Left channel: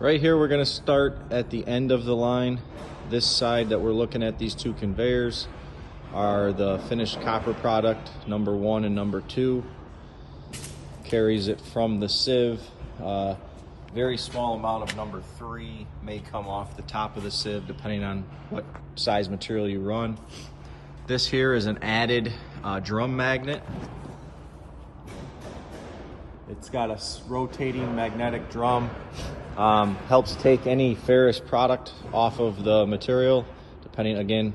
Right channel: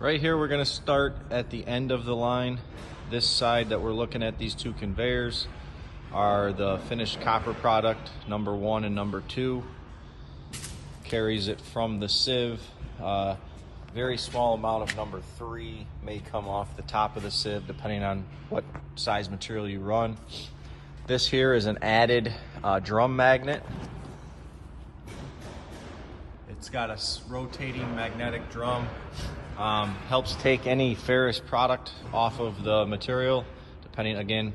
Right here, we're going to start at the end of the line. This side that we're looking at, these two conveyors, are the finished copper product, number 1 and number 2. Carries it from the sieve. Very small amount of number 3 may come off the top of the sieve depending on what size material you run. This here is an added drum magnet. It's got a rotating magnetic drum. Helps take any ferrous product off of the material,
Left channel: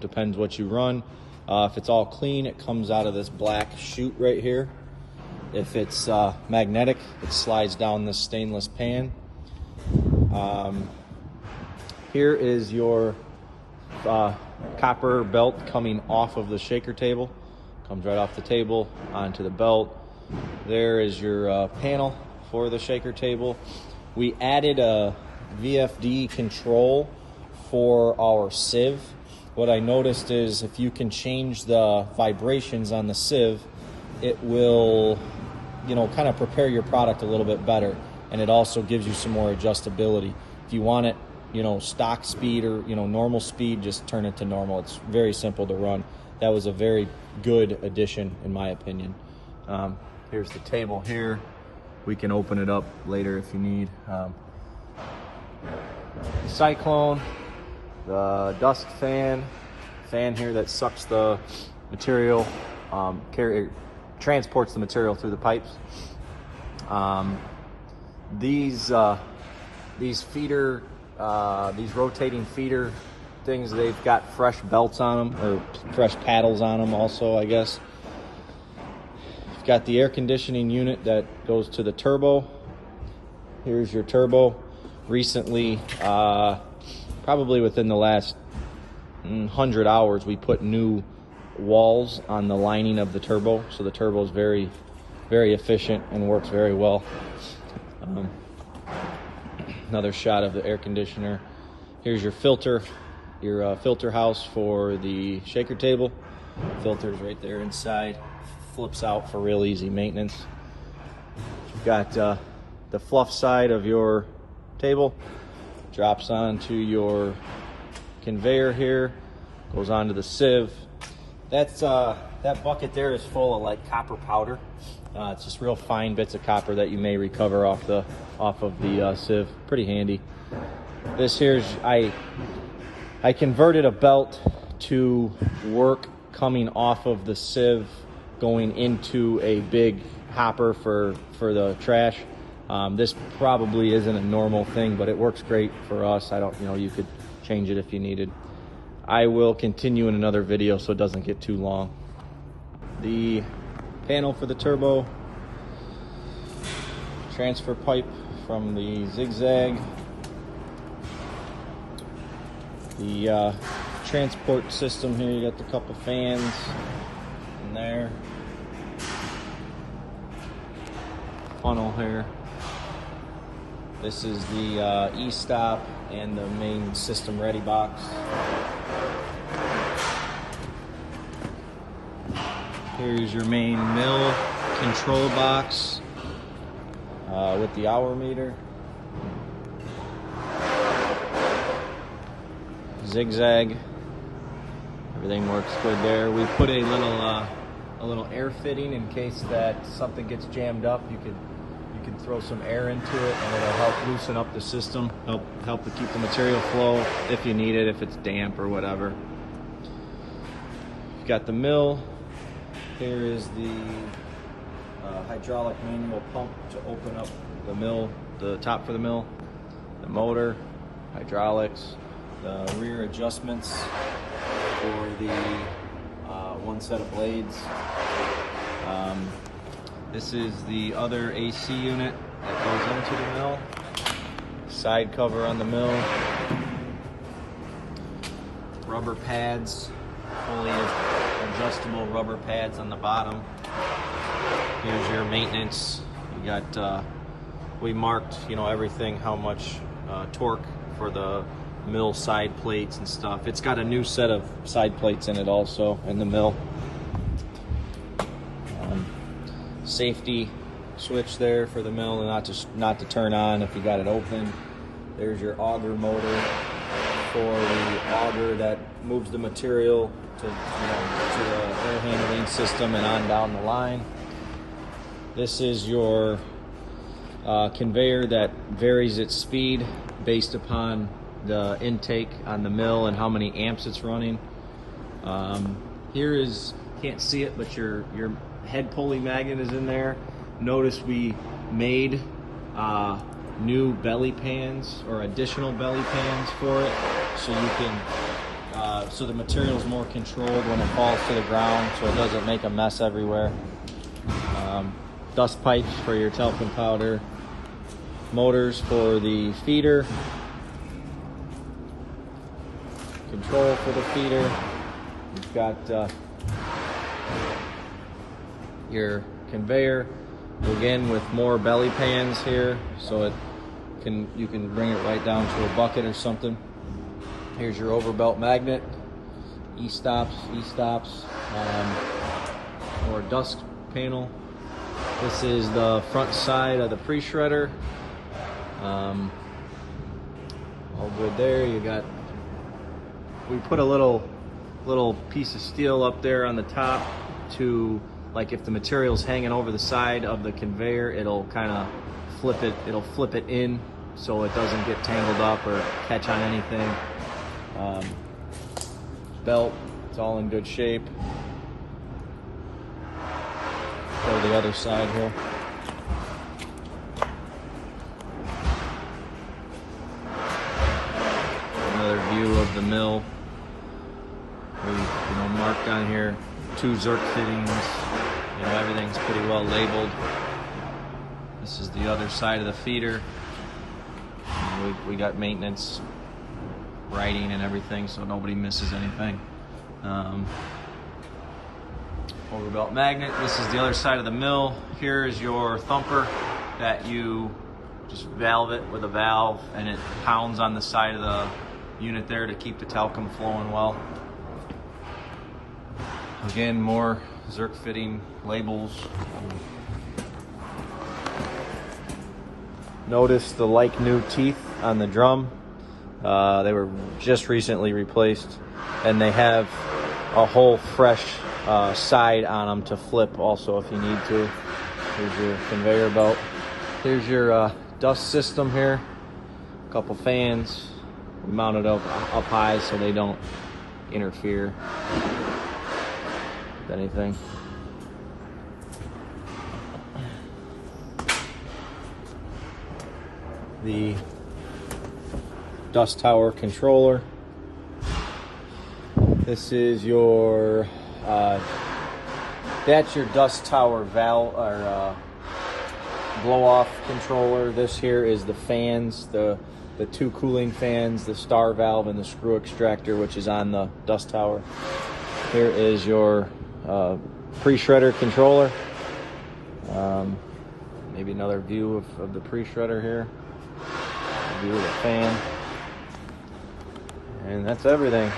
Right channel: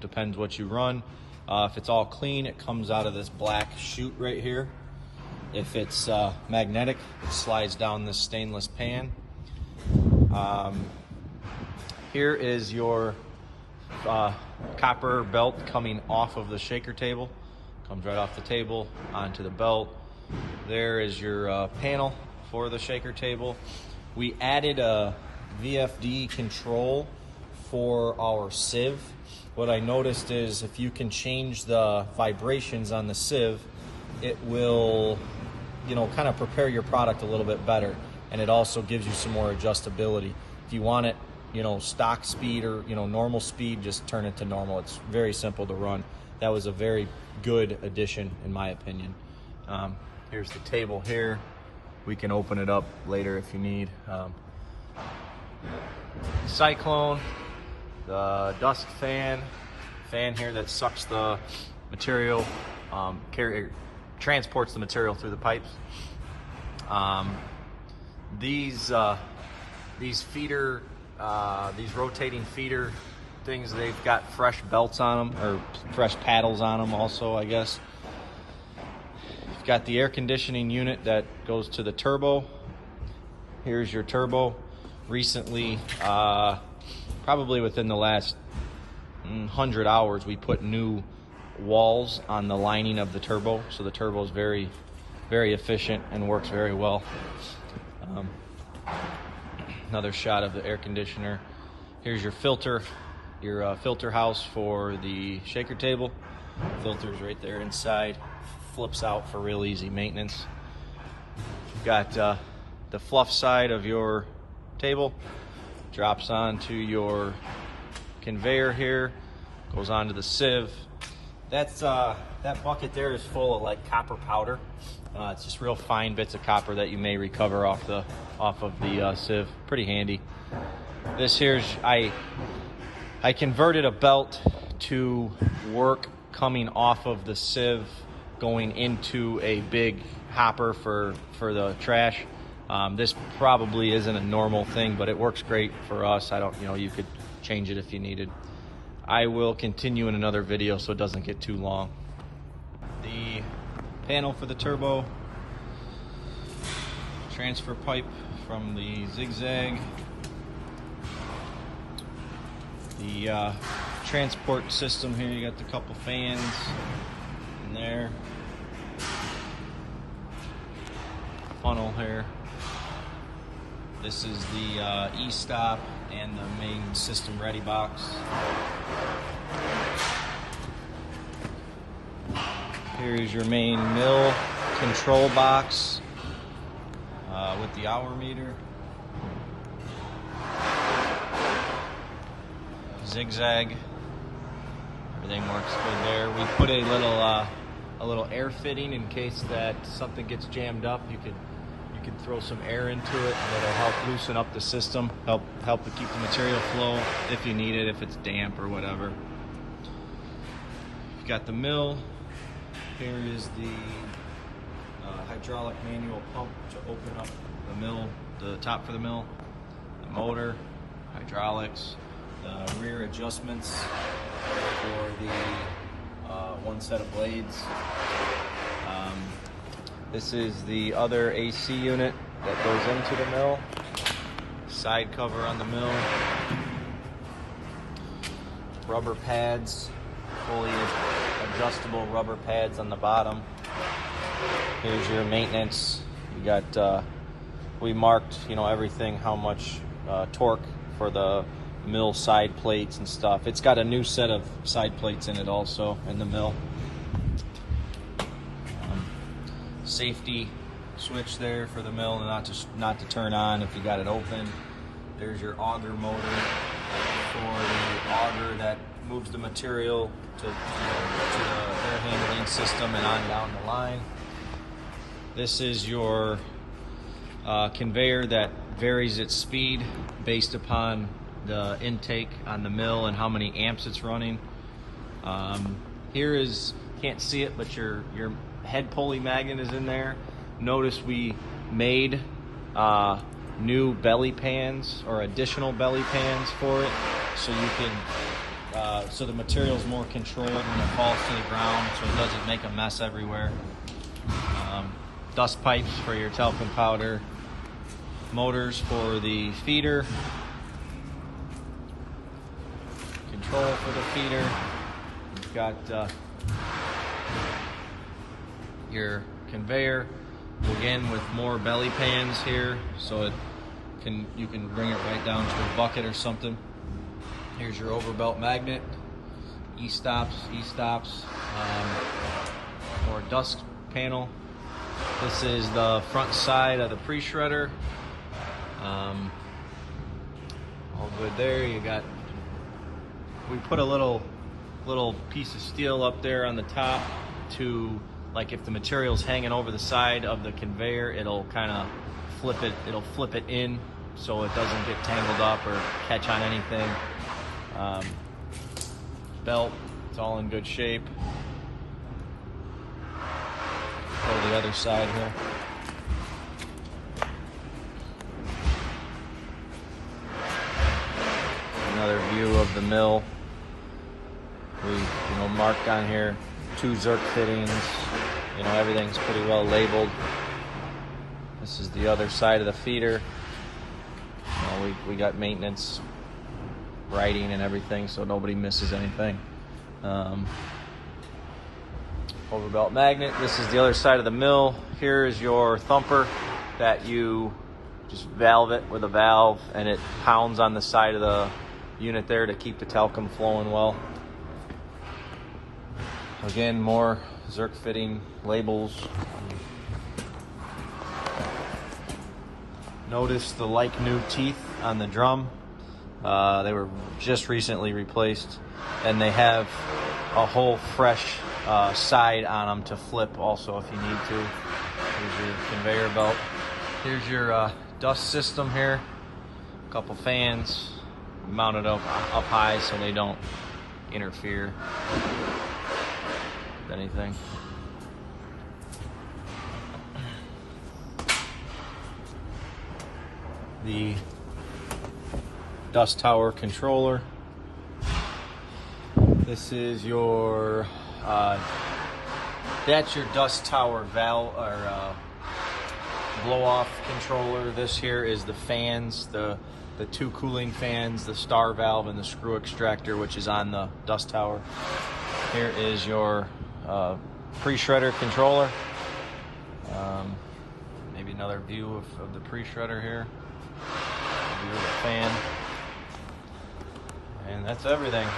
depends what you run. If it's all clean, it comes out of this black chute right here. If it's magnetic, it slides down this stainless pan. Here is your copper belt coming off of the shaker table. Comes right off the table onto the belt. There is your panel for the shaker table. We added a VFD control for our sieve. What I noticed is if you can change the vibrations on the sieve, it will, kind of prepare your product a little bit better. And it also gives you some more adjustability. If you want it, stock speed or, normal speed, just turn it to normal. It's very simple to run. That was a very good addition in my opinion. Here's the table here. We can open it up later if you need. Cyclone, the dust fan here that sucks the material, transports the material through the pipes. These feeder, these rotating feeder things, they've got fresh belts on them, or fresh paddles on them also, I guess. Got the air conditioning unit that goes to the turbo. Here's your turbo. Recently, probably within the last 100 hours, we put new walls on the lining of the turbo, so the turbo is very, very efficient and works very well. Another shot of the air conditioner. Here's your filter house for the shaker table. Filter's right there inside. Flips out for real easy maintenance. You've got the fluff side of your table, drops onto your conveyor here, goes onto the sieve. That bucket there is full of like copper powder. It's just real fine bits of copper that you may recover off of the sieve. Pretty handy. This here's I converted a belt to work coming off of the sieve, going into a big hopper for the trash. This probably isn't a normal thing, but it works great for us. You could change it if you needed. I will continue in another video so it doesn't get too long. The panel for the turbo, transfer pipe from the zigzag, the transport system here. You got the couple fans in there, funnel here. This is the e-stop and the main system ready box. Here's your main mill control box with the hour meter. Zigzag. Everything works good there. We put a little air fitting in case that something gets jammed up. You can throw some air into it and it'll help loosen up the system, help to keep the material flow if you need it, if it's damp or whatever. You've got the mill. Here is the hydraulic manual pump to open up the mill, the top for the mill, the motor, hydraulics, the rear adjustments for the one set of blades. This is the other AC unit that goes into the mill. Side cover on the mill. Rubber pads, fully adjustable rubber pads on the bottom. Here's your maintenance. You got, we marked, everything, how much torque for the mill side plates and stuff. It's got a new set of side plates in it also in the mill. Safety switch there for the mill and not to turn on if you got it open. There's your auger motor for the auger that moves the material to the air handling system and on down the line. This is your conveyor that varies its speed based upon the intake on the mill and how many amps it's running. Here is, can't see it, but your head pulley magnet is in there. Notice we made new belly pans or additional belly pans for it, so you can so the material is more controlled when it falls to the ground, so it doesn't make a mess everywhere. Dust pipes for your talcum powder, motors for the feeder, control for the feeder. You've got your conveyor, again with more belly pans here, so you can bring it right down to a bucket or something. Here's your overbelt magnet, E-stops, or dust panel. This is the front side of the pre-shredder. All good there. We put a little piece of steel up there on the top to, like, if the material's hanging over the side of the conveyor, it'll kind of flip it in so it doesn't get tangled up or catch on anything. Belt, it's all in good shape. Go to the other side here. Another view of the mill. We marked on here 2 Zerk fittings. Everything's pretty well labeled. This is the other side of the feeder. We got maintenance writing and everything, so nobody misses anything. Overbelt magnet. This is the other side of the mill. Here is your thumper that you just valve it with a valve, and it pounds on the side of the unit there to keep the talcum flowing well. Again, more Zerk fitting labels. Notice the like new teeth on the drum. They were just recently replaced, and they have a whole fresh side on them to flip also if you need to. Here's your conveyor belt. Here's your dust system here. A couple fans mounted up high so they don't interfere with anything. The dust tower controller. This is your that's your dust tower valve or blow-off controller. This here is the fans, the 2 cooling fans, the star valve, and the screw extractor, which is on the dust tower. Here is your pre-shredder controller. Maybe another view of the pre-shredder here. View of the fan. And that's everything.